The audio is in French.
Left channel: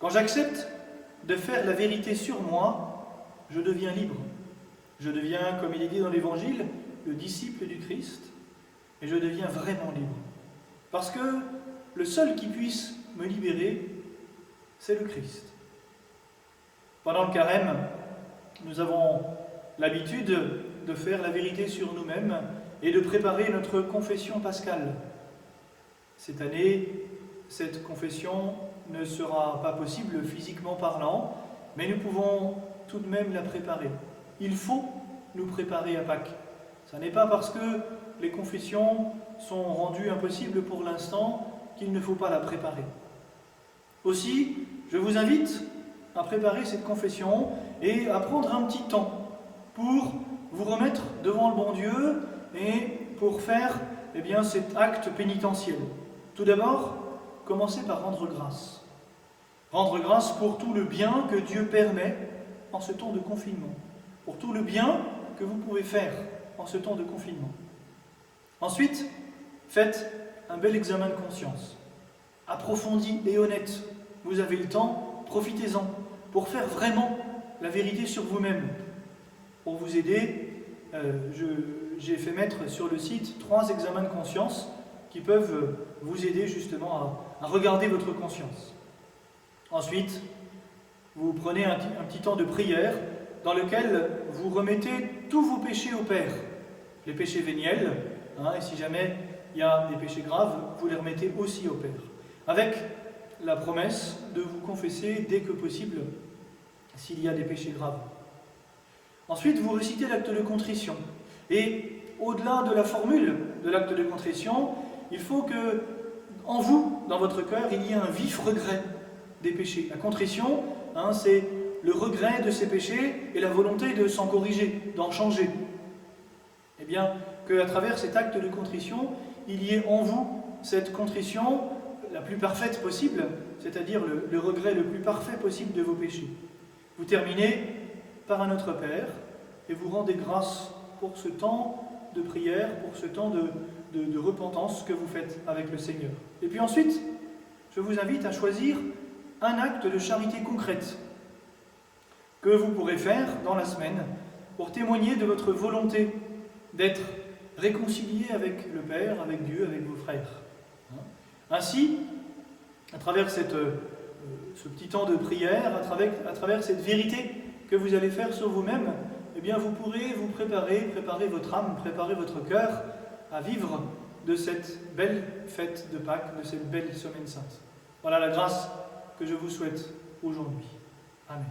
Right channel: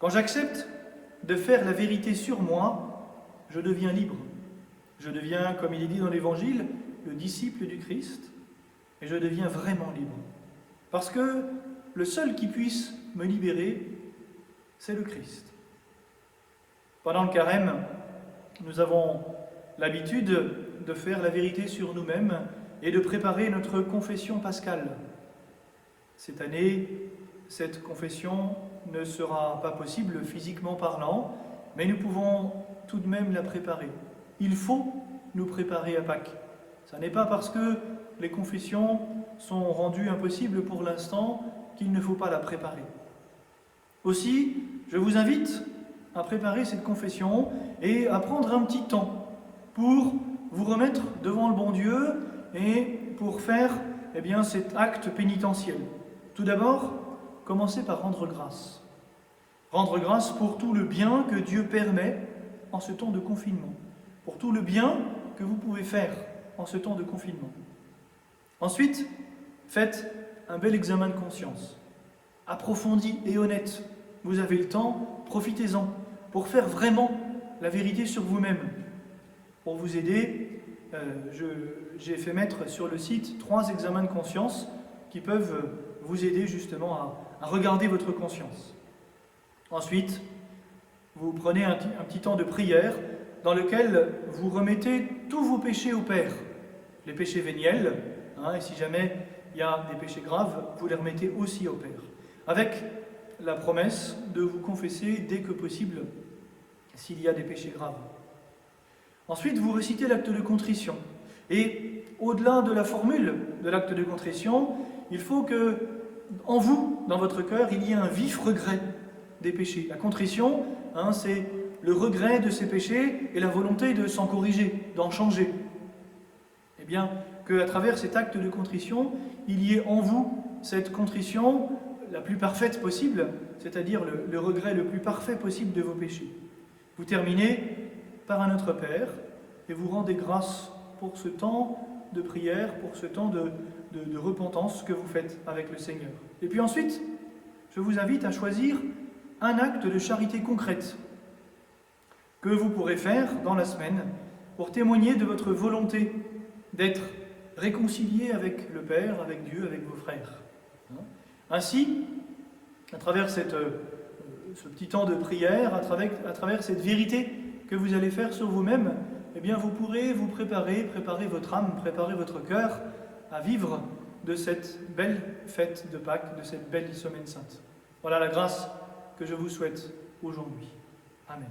Quand j'accepte de faire la vérité sur moi, je deviens libre. Je deviens, comme il est dit dans l'Évangile, le disciple du Christ, et je deviens vraiment libre. Parce que le seul qui puisse me libérer, c'est le Christ. Pendant le carême, nous avons l'habitude de faire la vérité sur nous-mêmes et de préparer notre confession pascale. Cette année, cette confession ne sera pas possible physiquement parlant, mais nous pouvons tout de même la préparer. Il faut nous préparer à Pâques. Ce n'est pas parce que les confessions sont rendues impossibles pour l'instant qu'il ne faut pas la préparer. Aussi, je vous invite à préparer cette confession et à prendre un petit temps pour vous remettre devant le bon Dieu et pour faire cet acte pénitentiel. Tout d'abord, commencez par rendre grâce. Rendre grâce pour tout le bien que Dieu permet en ce temps de confinement, pour tout le bien que vous pouvez faire en ce temps de confinement. Ensuite, faites un bel examen de conscience, approfondi et honnête. Vous avez le temps, profitez-en, pour faire vraiment la vérité sur vous-même. Pour vous aider, j'ai fait mettre sur le site 3 examens de conscience qui peuvent vous aider justement à regarder votre conscience. Ensuite, vous prenez un petit temps de prière dans lequel vous remettez tous vos péchés au Père. Les péchés véniels, et si jamais il y a des péchés graves, vous les remettez aussi au Père. Avec la promesse de vous confesser dès que possible s'il y a des péchés graves. Ensuite, vous récitez l'acte de contrition. Et au-delà de la formule de l'acte de contrition, il faut que, en vous, dans votre cœur, il y ait un vif regret des péchés. La contrition, c'est le regret de ses péchés et la volonté de s'en corriger, d'en changer. Eh bien, qu'à travers cet acte de contrition, il y ait en vous cette contrition la plus parfaite possible, c'est-à-dire le regret le plus parfait possible de vos péchés. Vous terminez par un Notre Père et vous rendez grâce pour ce temps de prière, pour ce temps de repentance que vous faites avec le Seigneur. Et puis ensuite, je vous invite à choisir un acte de charité concrète que vous pourrez faire dans la semaine pour témoigner de votre volonté d'être réconcilié avec le Père, avec Dieu, avec vos frères. Ainsi, à travers ce petit temps de prière, à travers cette vérité que vous allez faire sur vous-même, eh bien vous pourrez vous préparer votre âme, préparer votre cœur à vivre de cette belle fête de Pâques, de cette belle semaine sainte. Voilà la grâce que je vous souhaite aujourd'hui. Amen.